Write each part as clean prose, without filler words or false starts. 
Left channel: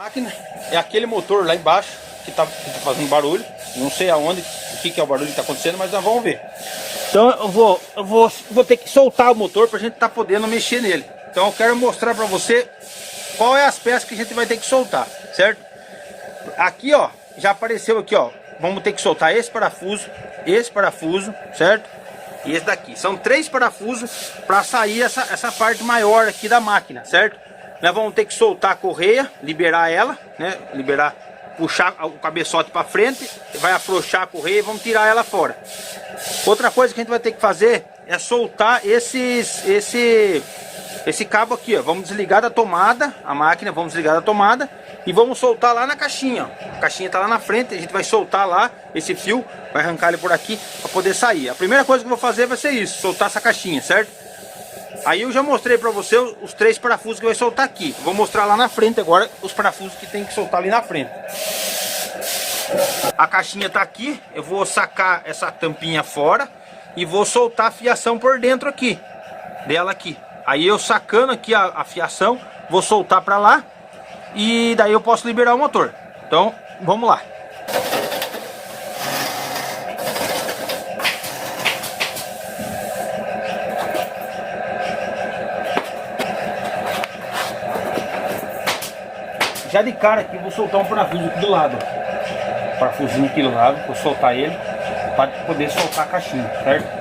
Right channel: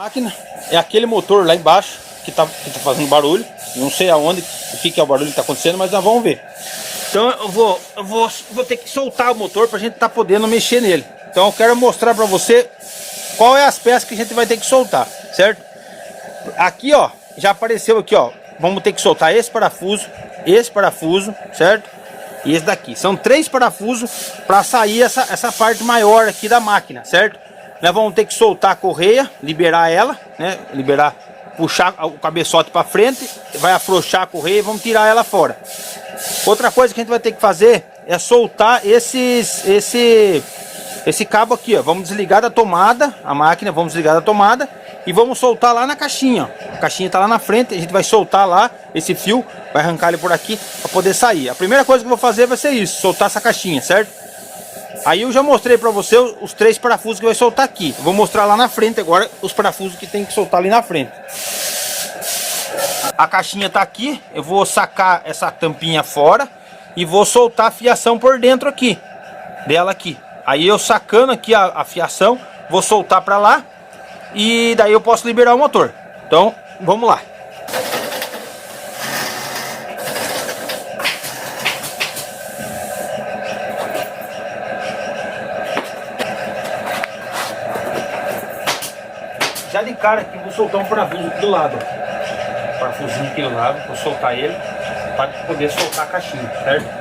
Máquina é aquele motor lá embaixo que tá fazendo barulho. Não sei aonde, o que é o barulho que tá acontecendo, mas nós vamos ver. Então eu vou ter que soltar o motor pra gente tá podendo mexer nele. Então eu quero mostrar pra você qual é as peças que a gente vai ter que soltar, certo? Aqui, ó, já apareceu aqui, ó. Vamos ter que soltar esse parafuso, certo? E esse daqui. São 3 parafusos para sair essa parte maior aqui da máquina, certo? Nós vamos ter que soltar a correia, liberar ela, né? Puxar o cabeçote para frente, vai afrouxar a correia e vamos tirar ela fora. Outra coisa que a gente vai ter que fazer é soltar esse cabo aqui, ó. Vamos desligar da tomada, a máquina, vamos desligar da tomada e vamos soltar lá na caixinha, ó. A caixinha tá lá na frente, a gente vai soltar lá esse fio, vai arrancar ele por aqui para poder sair. A primeira coisa que eu vou fazer vai ser isso, soltar essa caixinha, certo? Aí eu já mostrei para você os 3 parafusos que vai soltar aqui. Eu vou mostrar lá na frente agora os parafusos que tem que soltar ali na frente. A caixinha tá aqui, eu vou sacar essa tampinha fora e vou soltar a fiação por dentro aqui, dela aqui. Aí eu sacando aqui a fiação, vou soltar para lá e daí eu posso liberar o motor. Então, vamos lá. Já de cara aqui, vou soltar um parafuso aqui do lado. Parafusinho aqui do lado, vou soltar ele para poder soltar a caixinha, certo?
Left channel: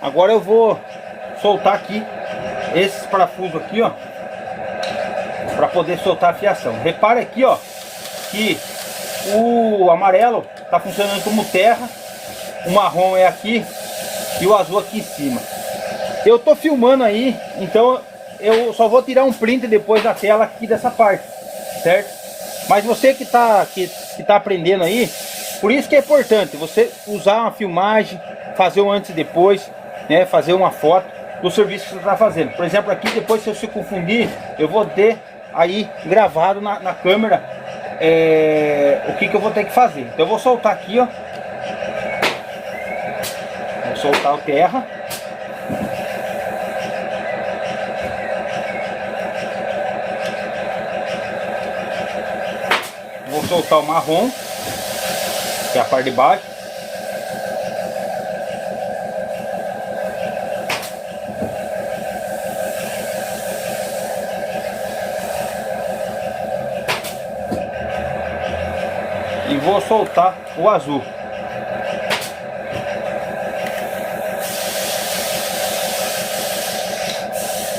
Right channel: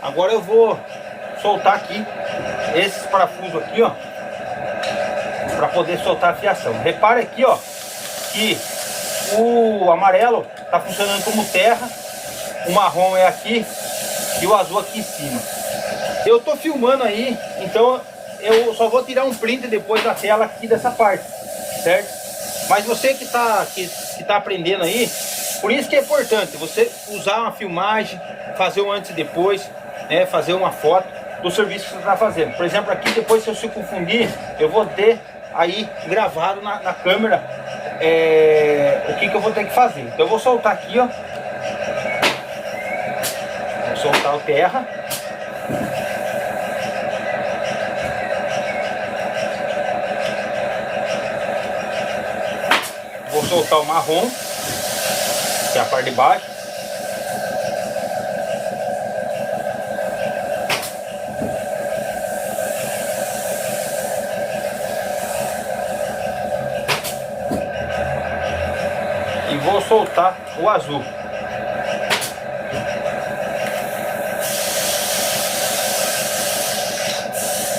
Agora eu vou soltar aqui esses parafusos aqui, ó, para poder soltar a fiação. Repare aqui, ó, que o amarelo tá funcionando como terra, o marrom é aqui e o azul aqui em cima. Eu tô filmando aí, então eu só vou tirar um print depois da tela aqui dessa parte, certo? Mas você que tá aprendendo aí, por isso que é importante você usar uma filmagem, fazer um antes e depois, né? Fazer uma foto do serviço que você está fazendo. Por exemplo, aqui depois, se eu se confundir, eu vou ter aí gravado na câmera o que eu vou ter que fazer. Então eu vou soltar aqui, ó. Vou soltar o terra. Vou soltar o marrom, que é a parte de baixo. E vou soltar o azul.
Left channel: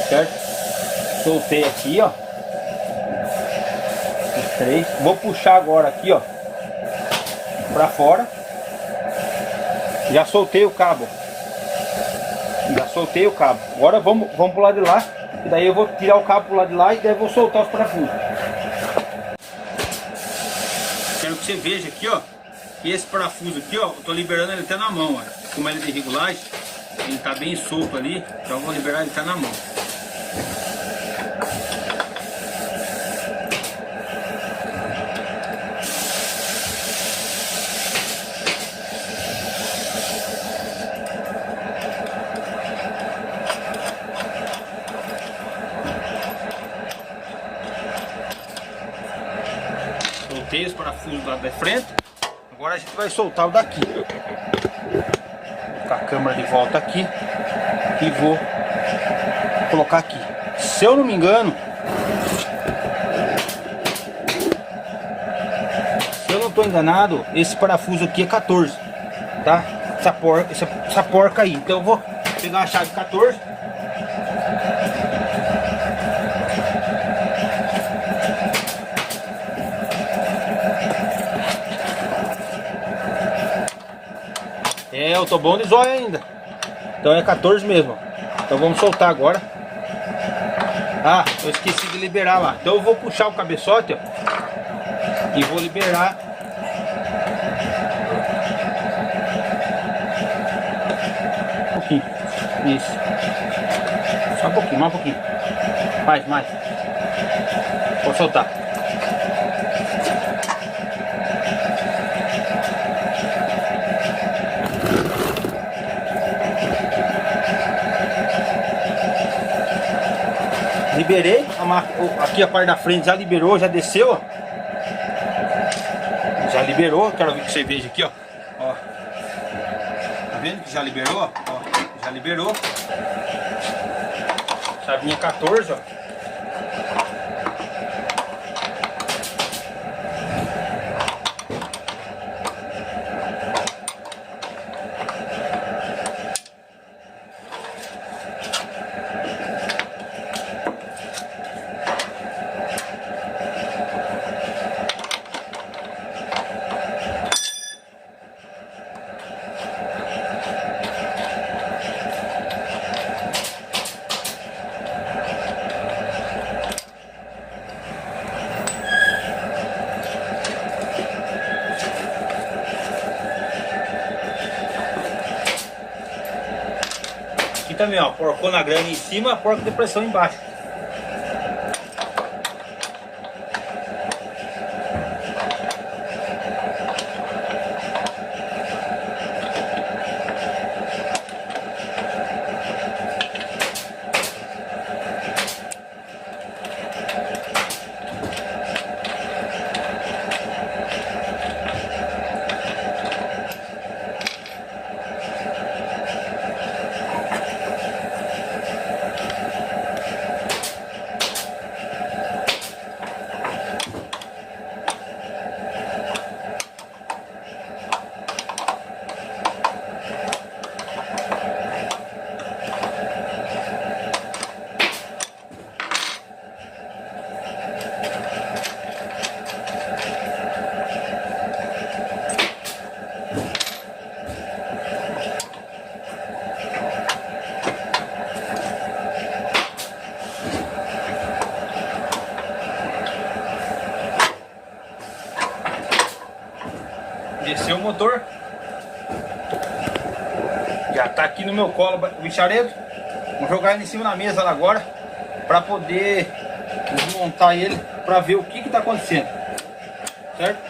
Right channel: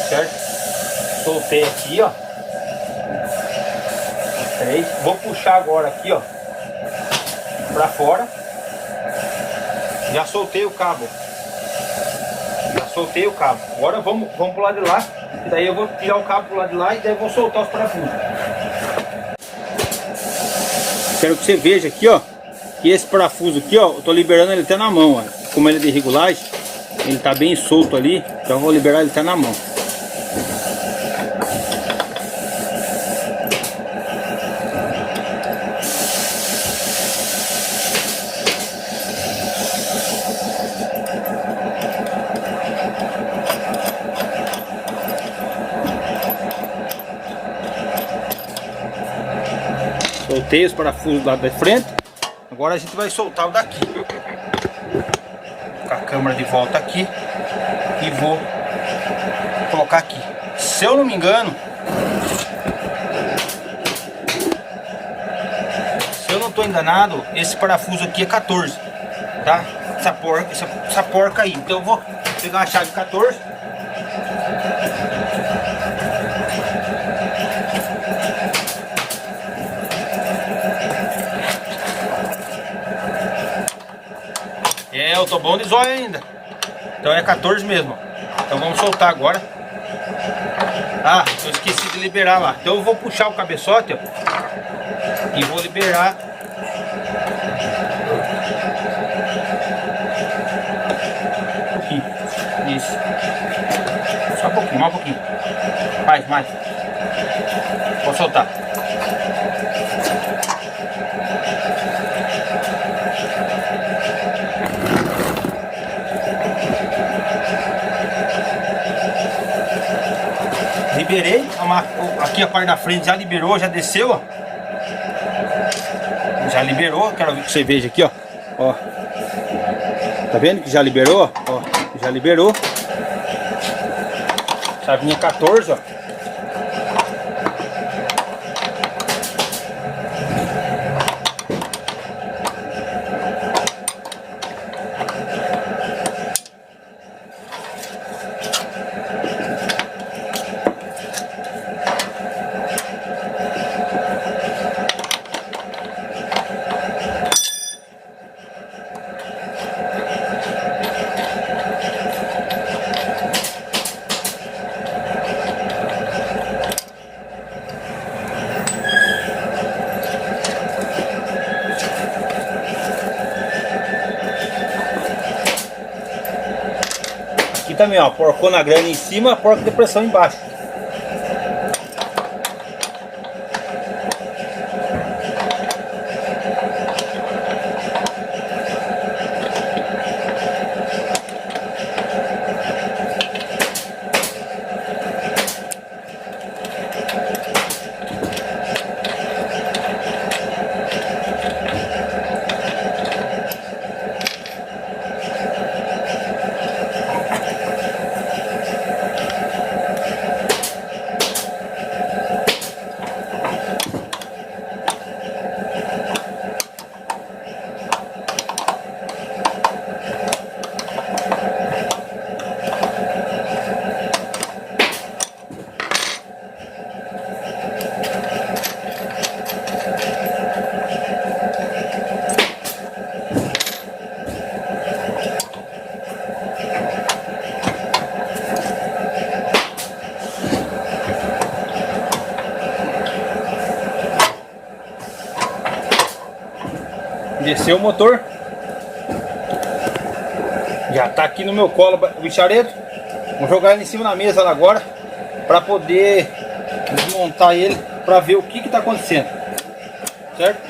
Certo? Soltei aqui, ó. Vou puxar agora aqui, ó, pra fora. Já soltei o cabo. Agora vamos pro lado de lá. E daí eu vou tirar o cabo pro lado de lá e daí eu vou soltar os parafusos. Quero que você veja aqui, ó, que esse parafuso aqui, ó, eu tô liberando ele até na mão, ó. Como ele é de regulagem, ele tá bem solto ali, então eu vou liberar ele até na mão. Soltei os parafusos do lado da frente. Agora a gente vai soltar o daqui. Vou colocar a câmera de volta aqui e vou colocar aqui. Se eu não me engano, se eu não estou enganado, esse parafuso aqui é 14, tá? Essa porca aí. Então eu vou pegar uma chave 14. Eu tô bom de zóio ainda. Então é 14 mesmo. Então vamos soltar agora. Ah, eu esqueci de liberar lá. Então eu vou puxar o cabeçote, ó, e vou liberar. Um pouquinho. Isso. Só um pouquinho, mais um pouquinho. Mais. Vou soltar. Liberei, aqui a parte da frente já liberou, já desceu, ó. Já liberou, quero que você veja aqui, ó. Ó. Tá vendo que já liberou, ó? Já liberou. Chavinha 14, ó. Também, ó, porcou na grana em cima, porca de pressão embaixo. Desceu o motor. Já tá aqui no meu colo o bicharedo. Vou jogar ele em cima da mesa lá agora, para poder desmontar ele, para ver o que tá acontecendo, certo?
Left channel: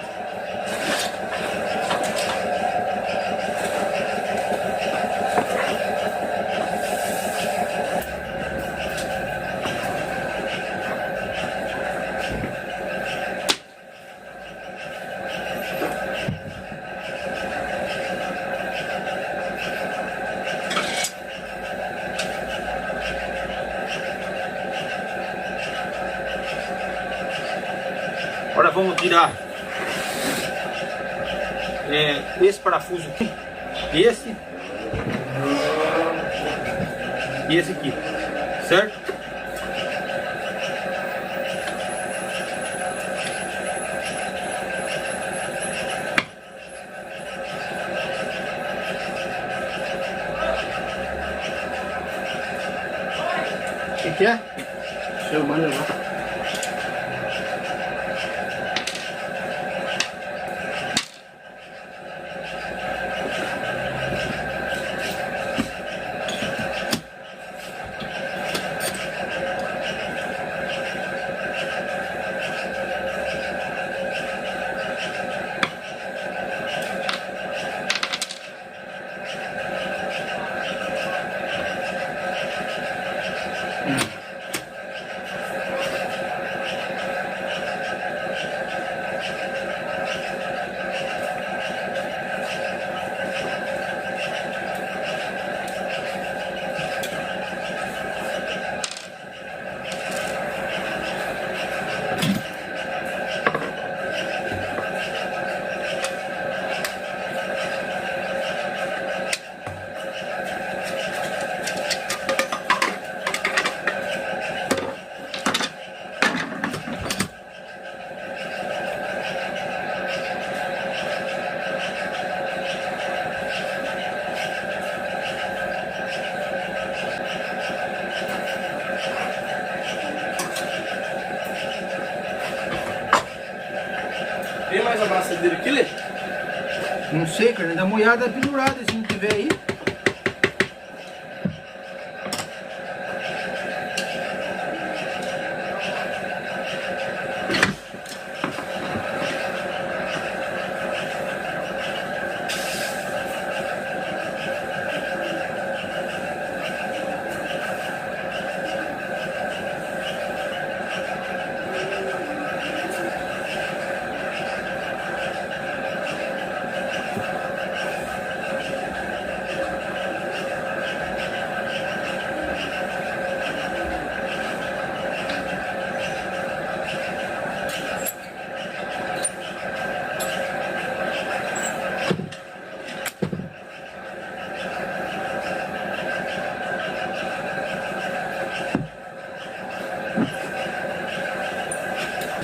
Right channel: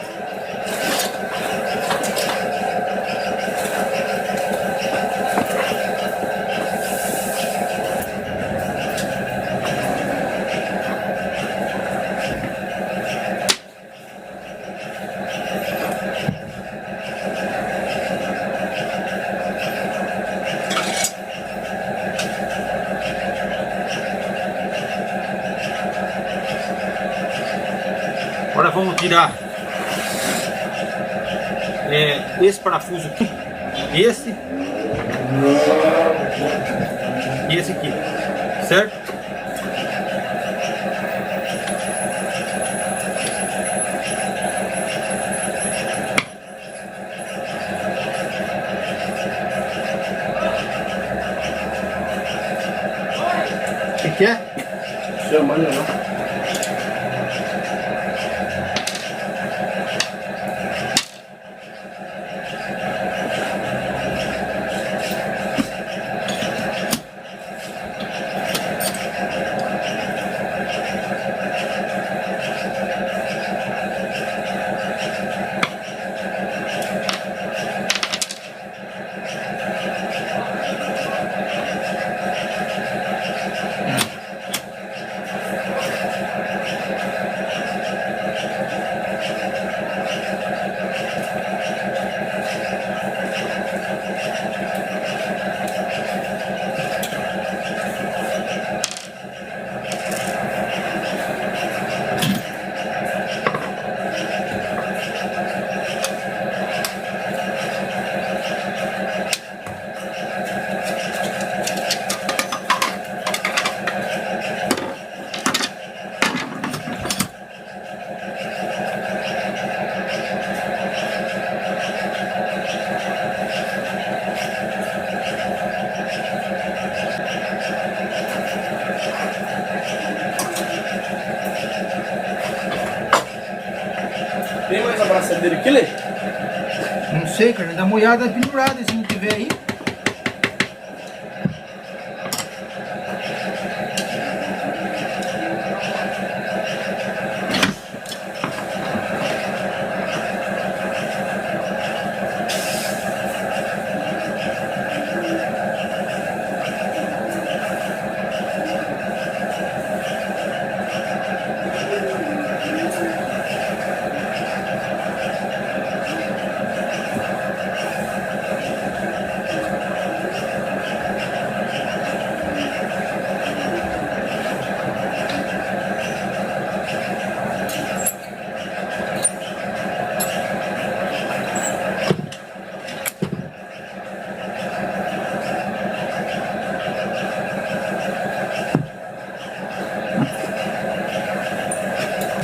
Agora vamos tirar esse parafuso aqui, esse e esse aqui, certo? O que é? Chamando lá. acender aqui, Lê? Não sei, cara, dá uma olhada pendurada se não tiver aí.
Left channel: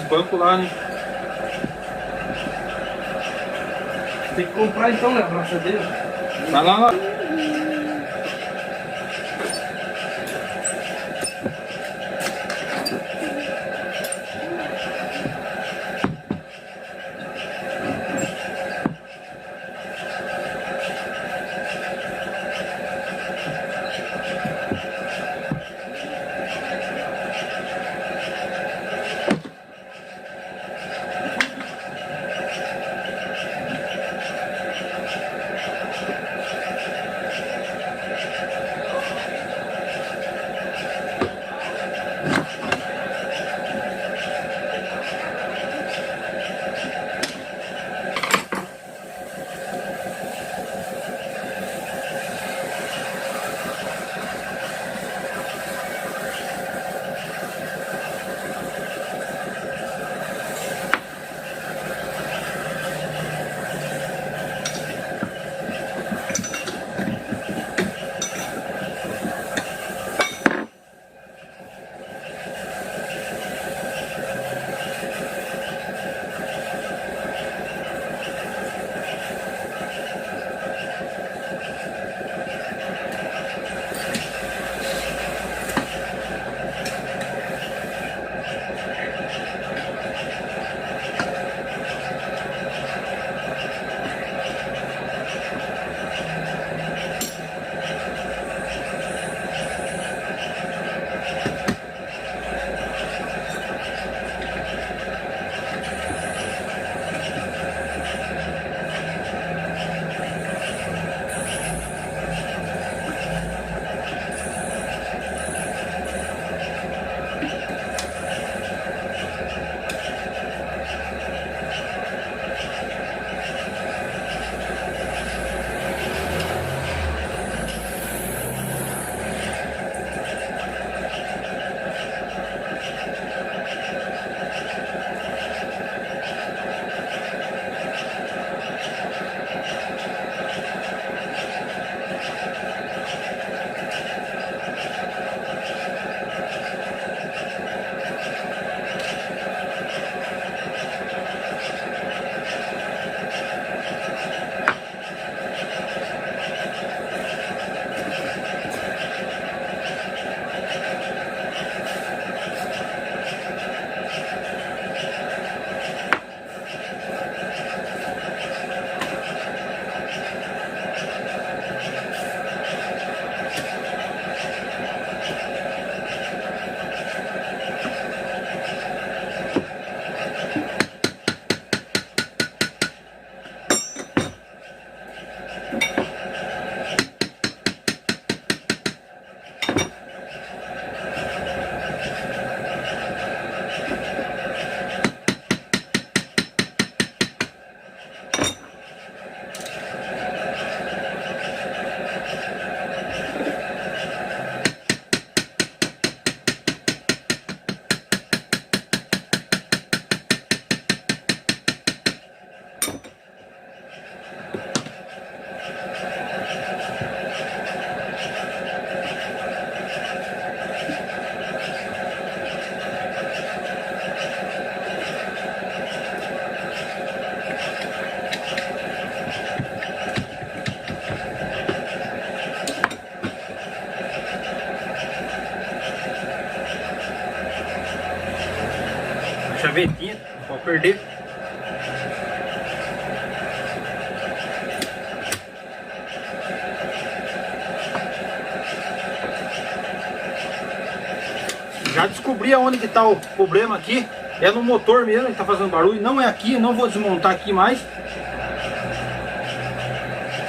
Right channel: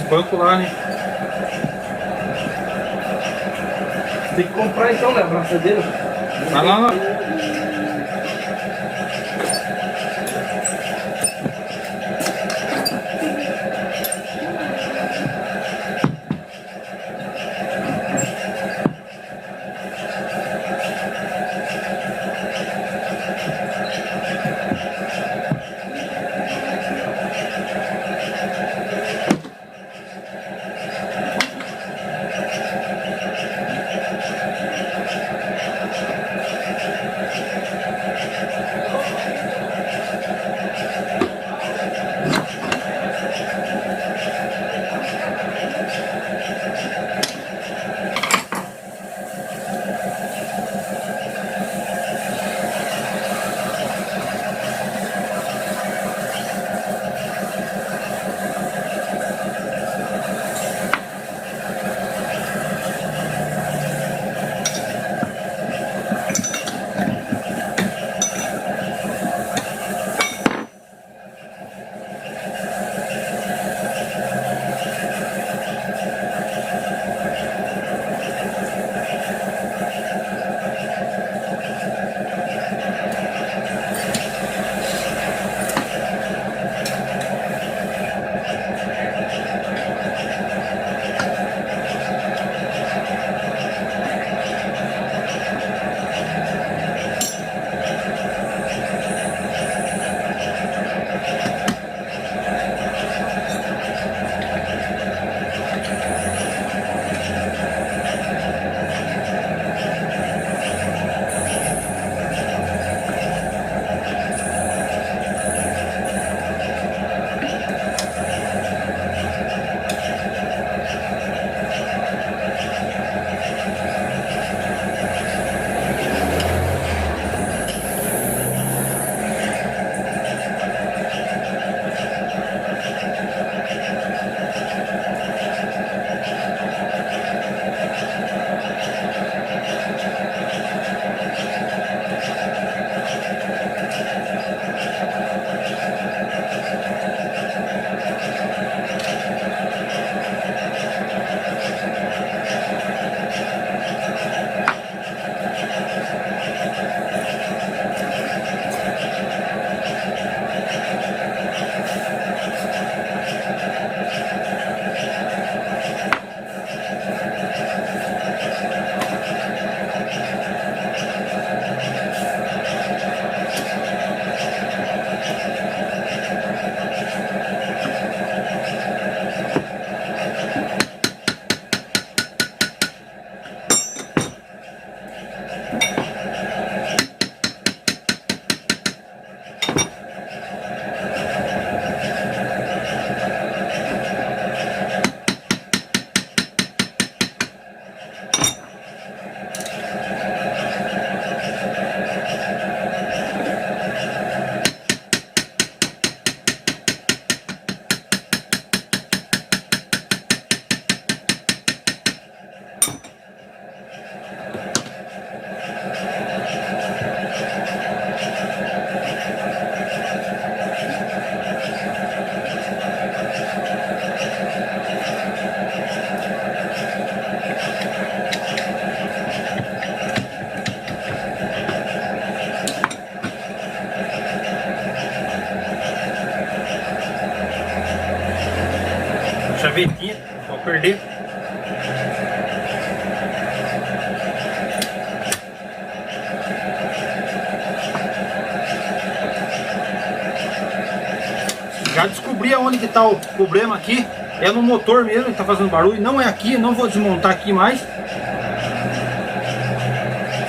Banco lá, né? Tem que comprar então, né? A braçadeira. Vai lá. Chavetinha, não pode perder. Já descobri aonde que tá o problema aqui. É no motor mesmo que tá fazendo barulho. Não é aqui, não vou desmontar aqui mais.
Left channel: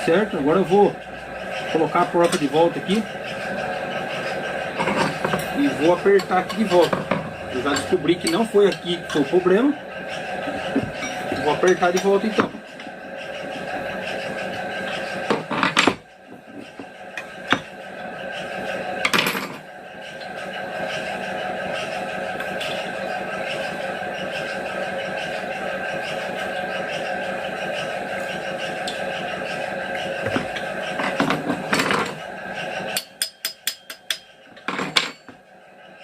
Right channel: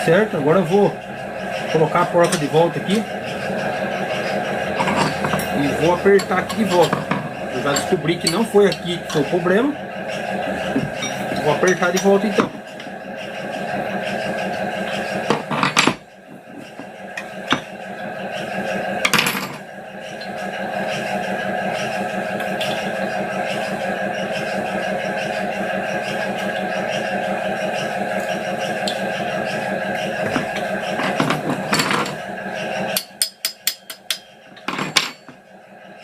Certo? Agora eu vou colocar a porca de volta aqui. E vou apertar aqui de volta. Eu já descobri que não foi aqui que foi o problema. Vou apertar de volta então.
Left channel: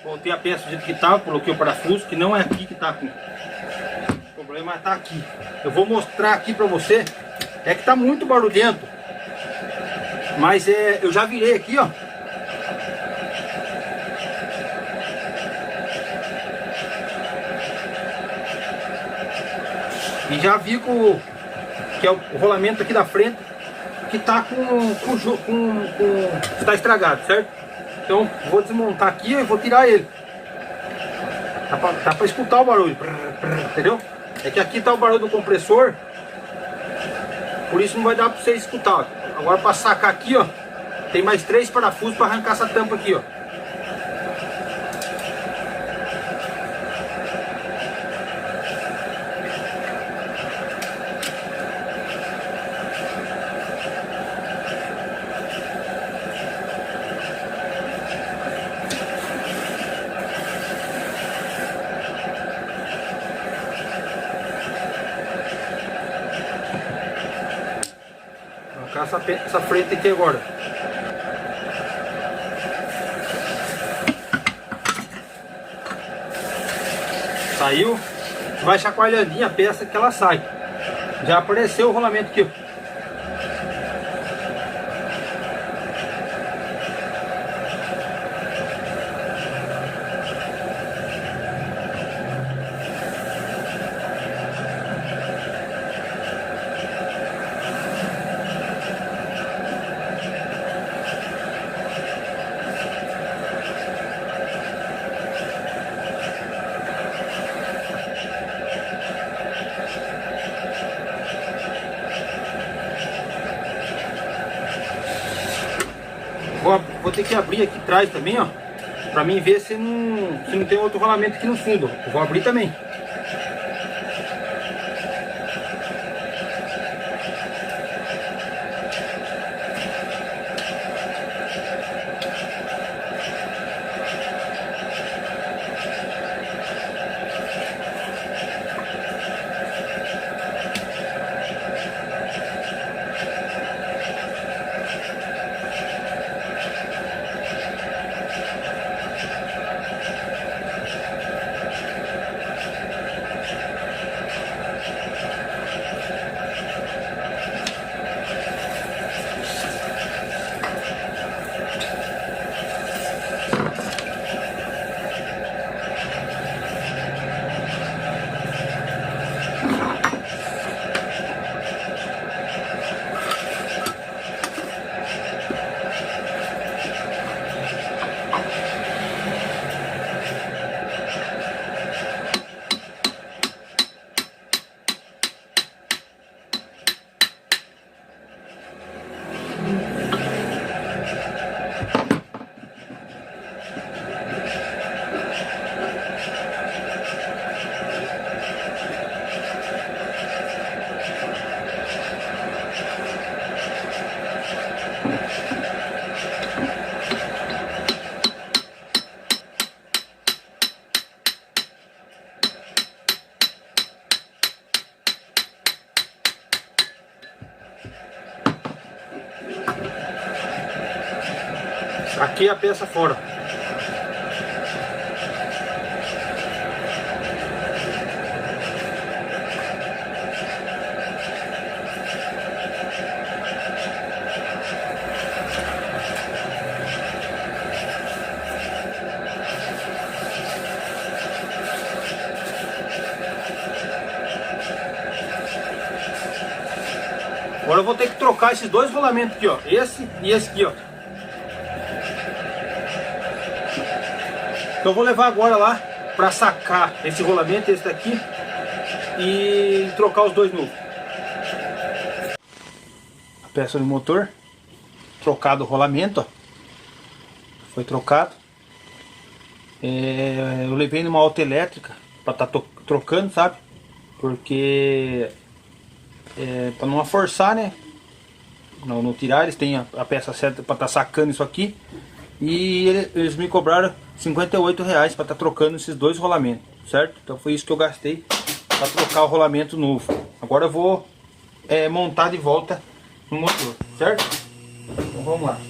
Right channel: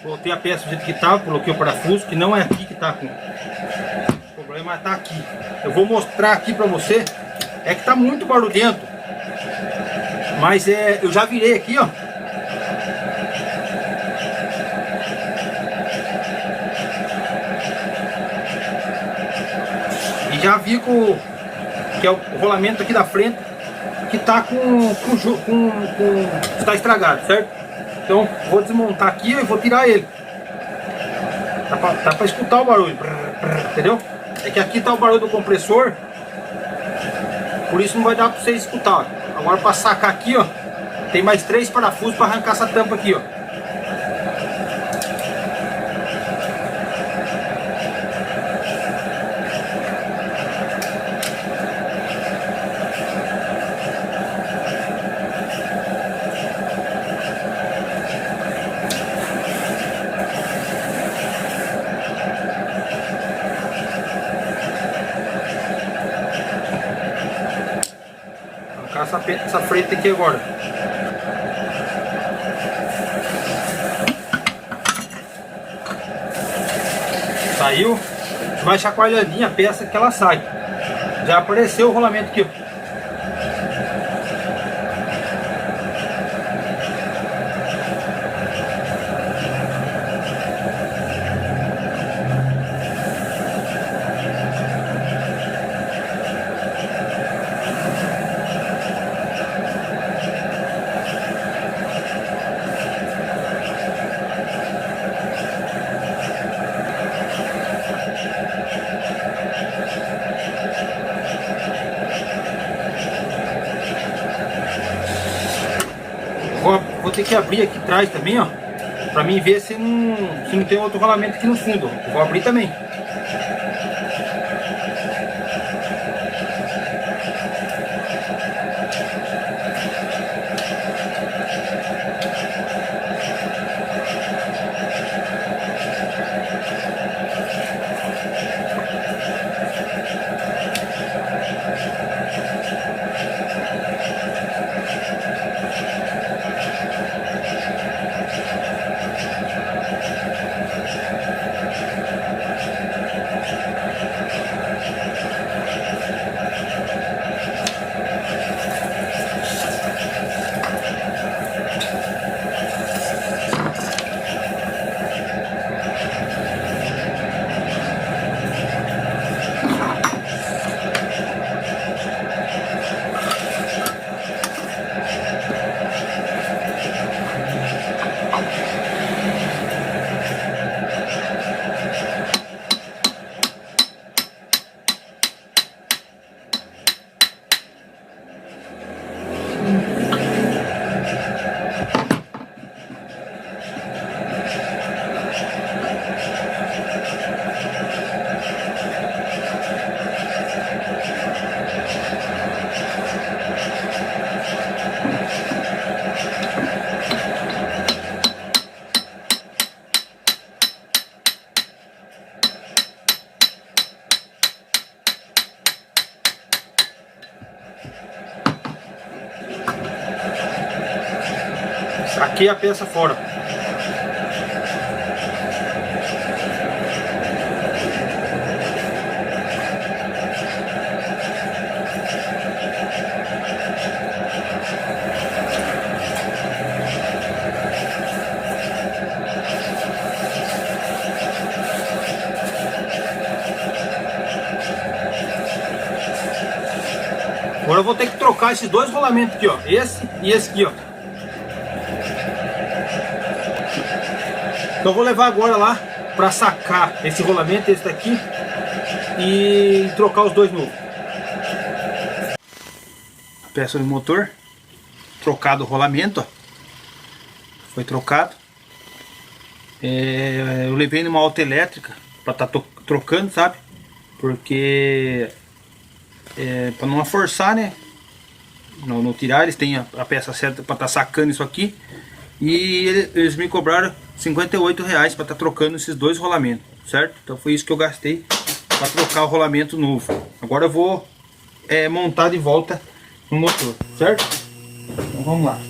Voltei a peça do jeito que estava, coloquei o parafuso, que não é aqui que está com o problema, está aqui. Eu vou mostrar aqui para você, é que está muito barulhento, mas eu já virei aqui, ó. E já vi que é o rolamento aqui da frente que está está estragado, certo? Então vou desmontar aqui e vou tirar ele. Dá pra escutar o barulho, entendeu? É que aqui tá o barulho do compressor, por isso não vai dar pra vocês escutar. Agora para sacar aqui, ó, tem mais 3 parafusos para arrancar essa tampa aqui, ó. Essa frente aqui agora. Saiu, vai chacoalhadinha a peça que ela sai. Já apareceu o rolamento aqui, ó. Vou ter que abrir aqui atrás também, ó, pra mim ver se não tem outro rolamento aqui no fundo. Eu vou abrir também. Aqui a peça fora. Agora eu vou ter que trocar esses dois rolamentos aqui, ó. Esse e esse aqui, ó. Então eu vou levar agora lá para sacar esse rolamento, esse daqui, e trocar os dois novos. A peça do motor, trocado o rolamento, ó. Foi trocado. Eu levei numa auto elétrica para estar trocando, sabe? Porque para não forçar, né? Não tirar, eles têm a peça certa para estar sacando isso aqui. E eles me cobraram R$58 para estar trocando esses dois rolamentos, certo? Então foi isso que eu gastei para trocar o rolamento novo. Agora eu vou montar de volta no motor, certo? Então vamos lá.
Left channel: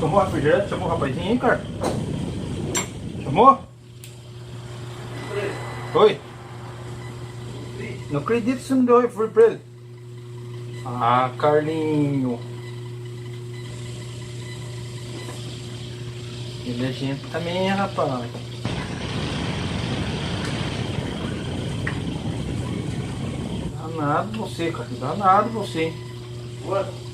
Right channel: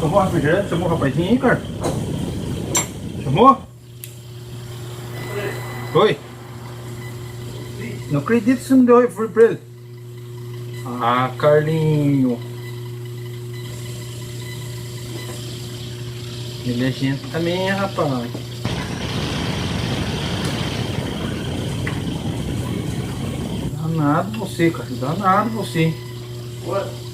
Tomou refrigerante? Chamou o rapazinho aí, cara? Chamou? Oi? Não acredito que você não deu refri pra ele. Ah, Carlinho. Ele é gente também, rapaz. Danado você, cara. Danado você. What?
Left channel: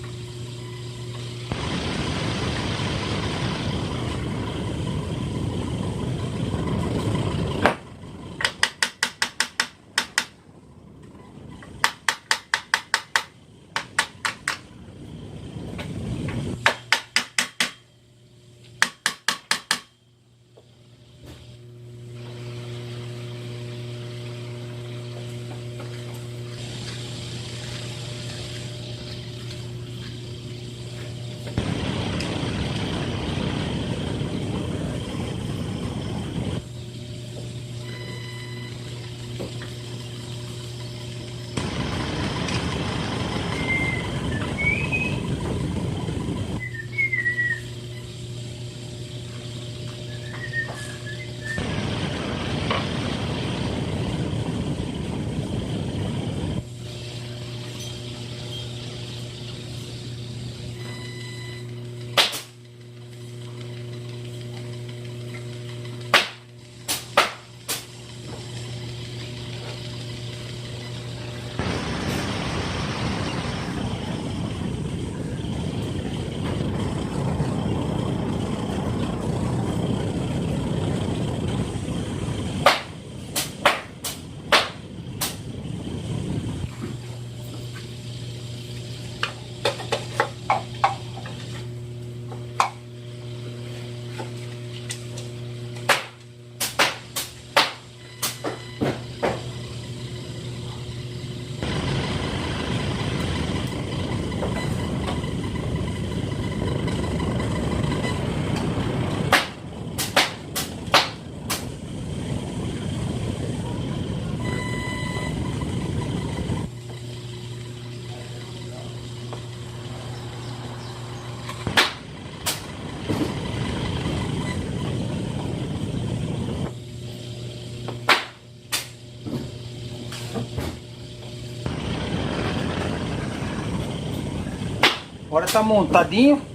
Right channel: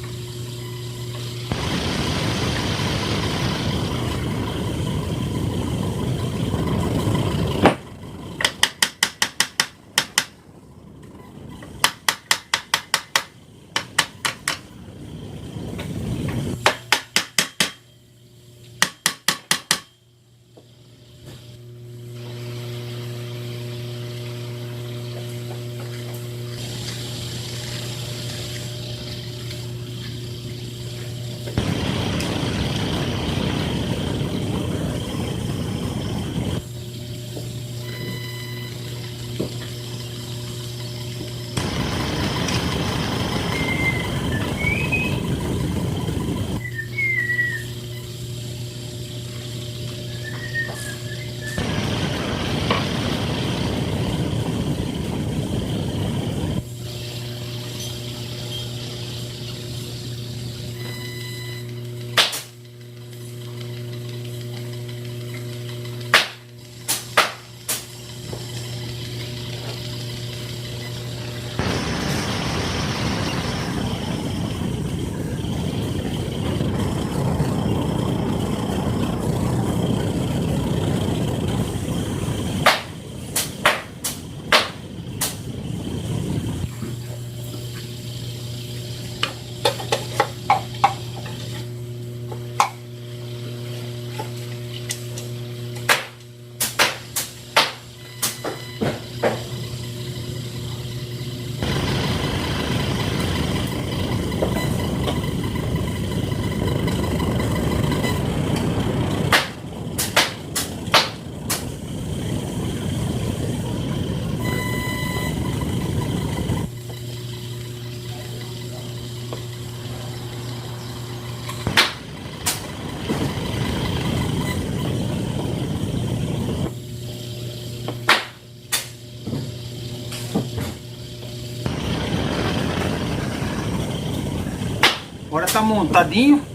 Agora tá montadinho.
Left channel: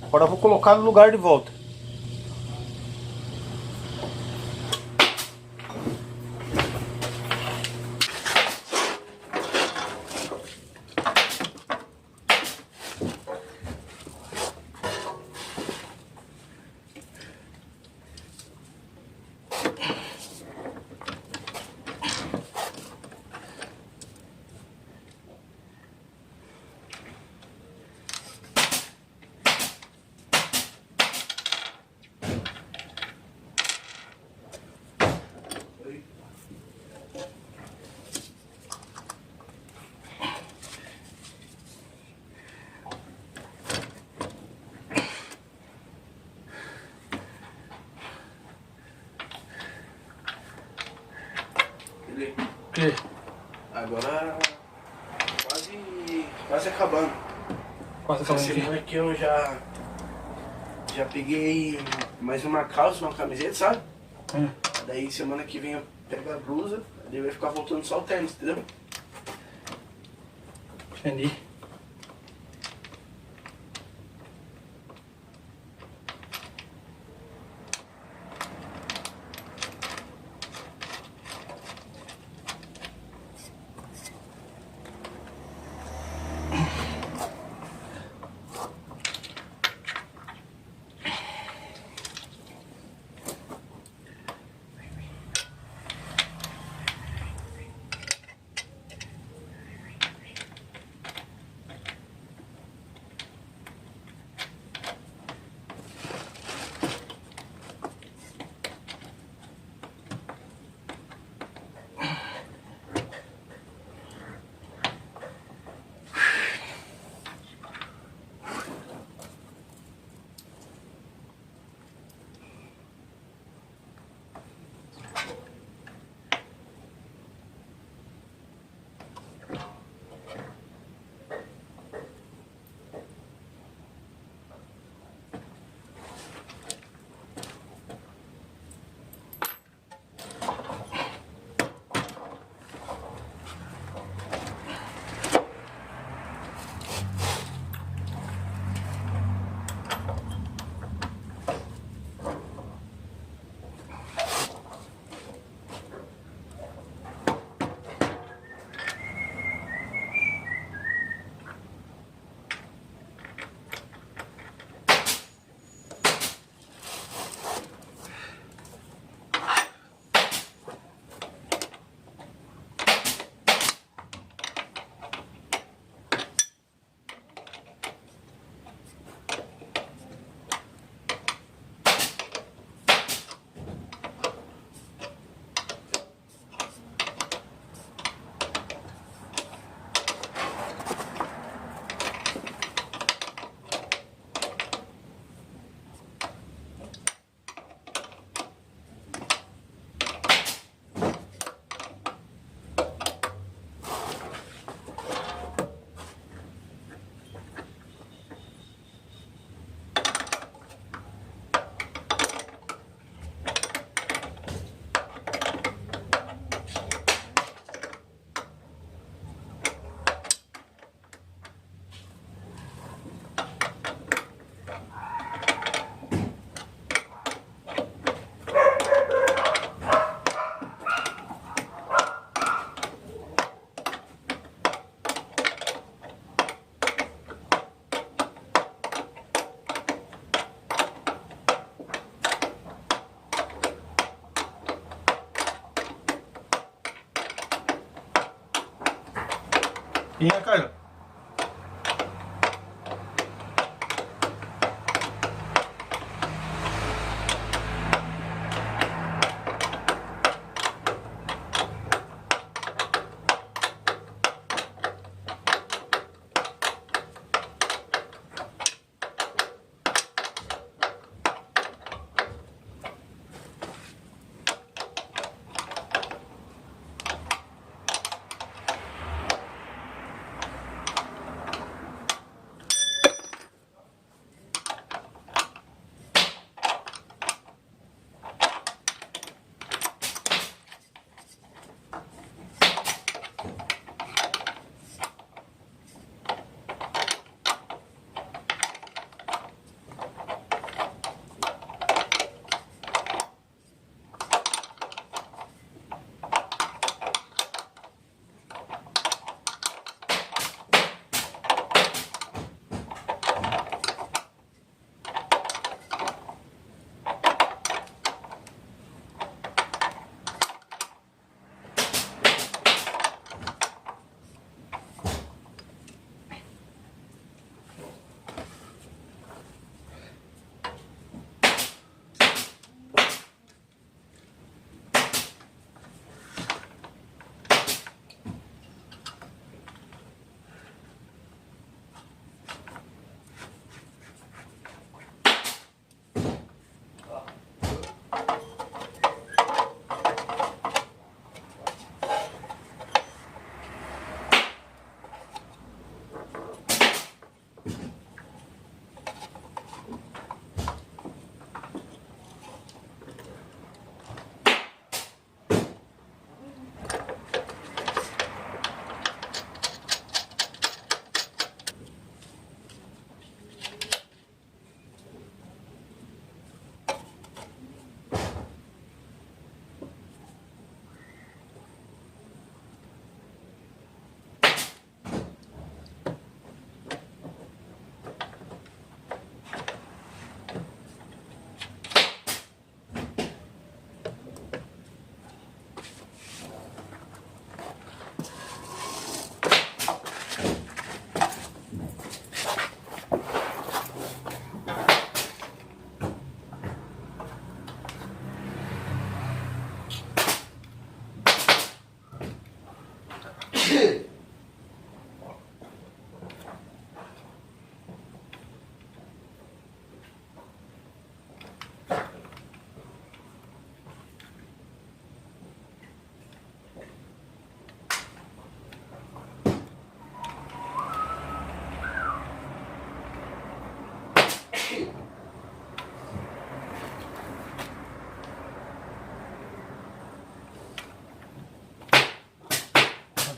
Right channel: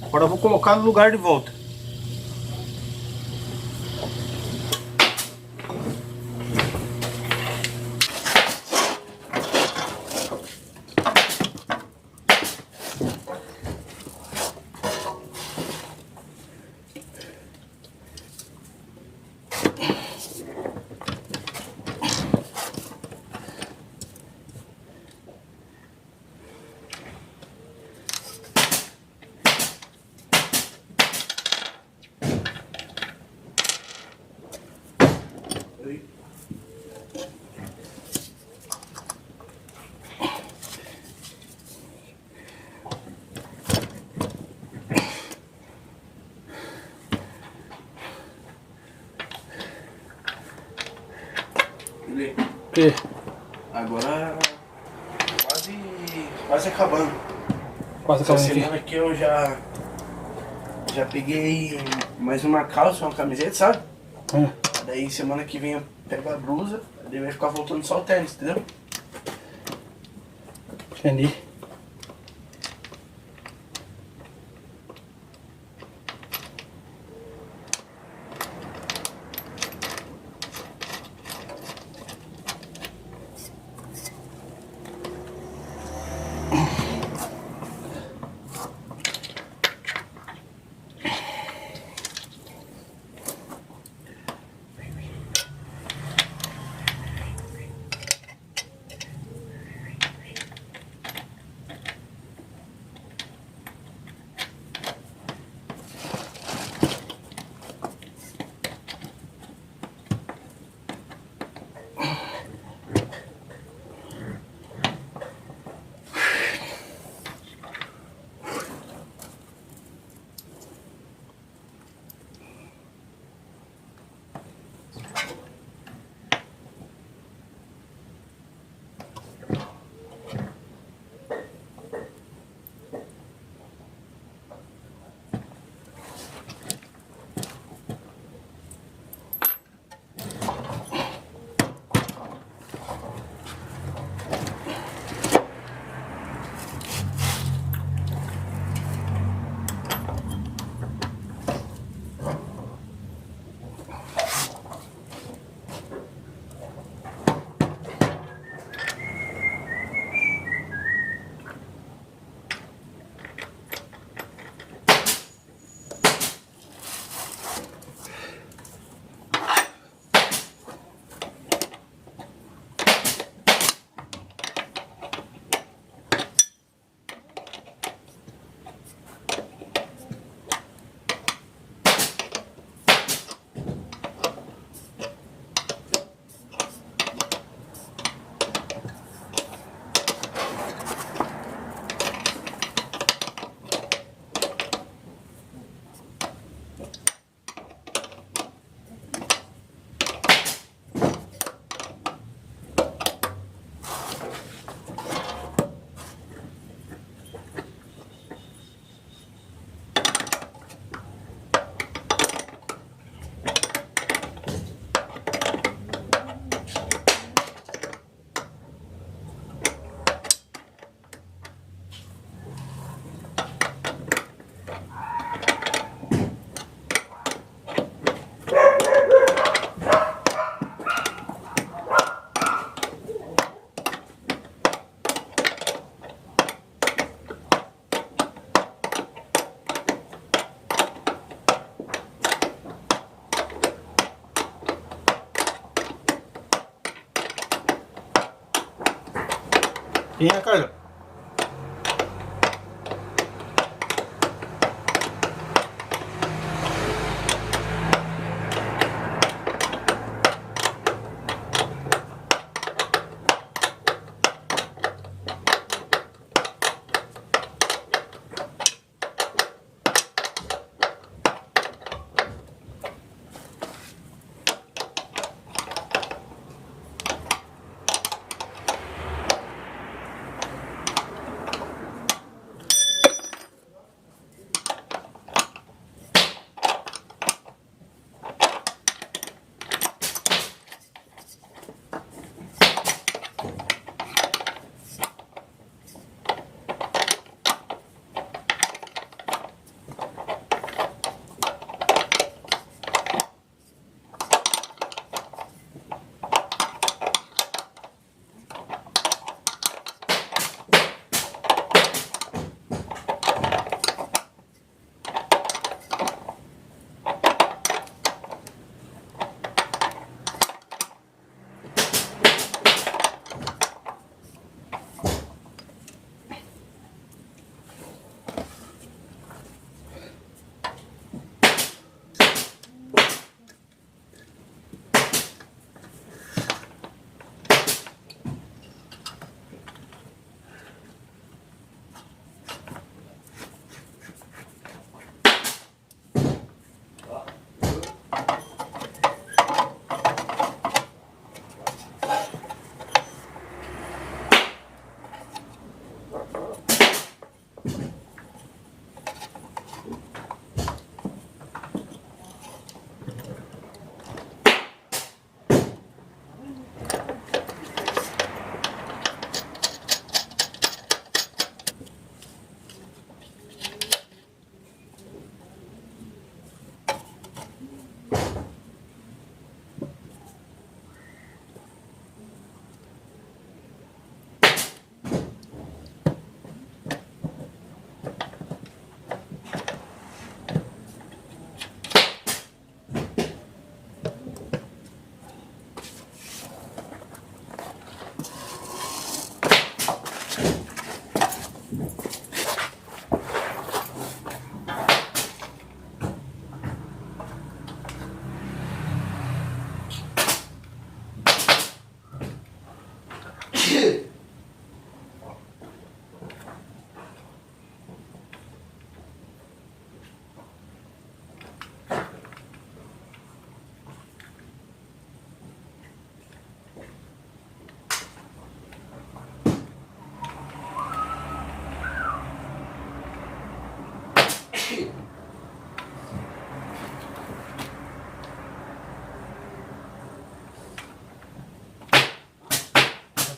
Agora eu vou colocar no lugar de volta. Agora quase acabando. Quase Essa acabando aqui. semana aqui eu já peguei mais uma calça, uma camiseta, sabe? Daí semana que vem eu pego a blusa, daí vai ficar voltando só o tênis, entendeu? Entendi. Vinha, Carlos.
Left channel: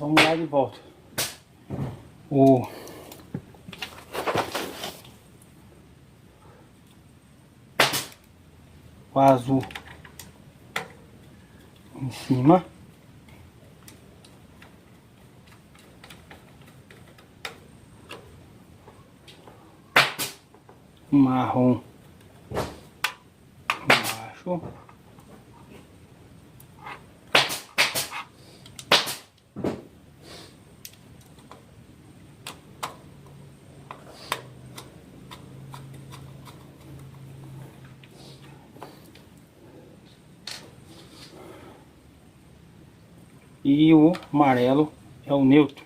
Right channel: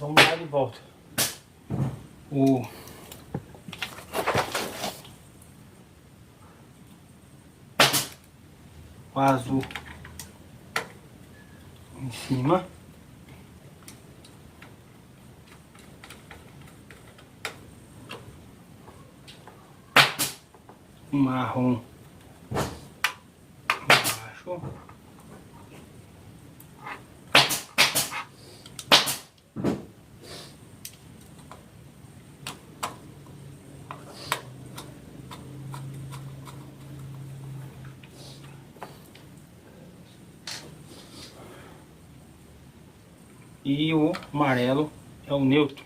Vamos lá de volta. O azul em cima. O marrom embaixo. E o amarelo é o neutro.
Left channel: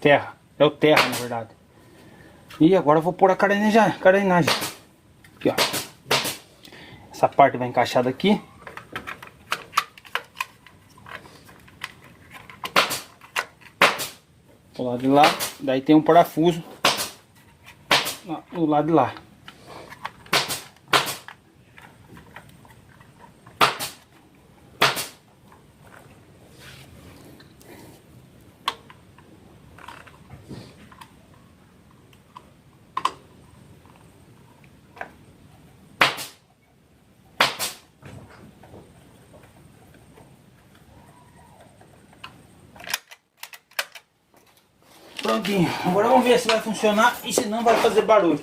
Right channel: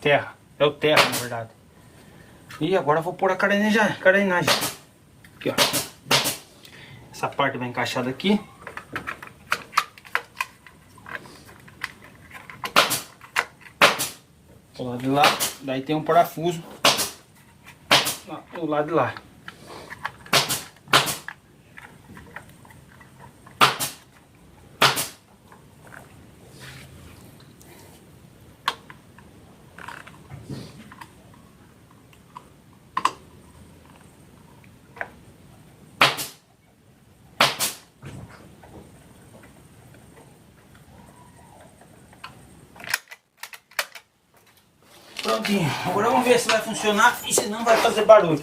Terra, é o terra na verdade. E agora eu vou pôr a carenagem. Aqui, ó. Essa parte vai encaixada aqui. Do lado de lá. Daí tem um parafuso do lado de lá. Prontinho, agora vamos ver se vai funcionar e se não vai fazer barulho.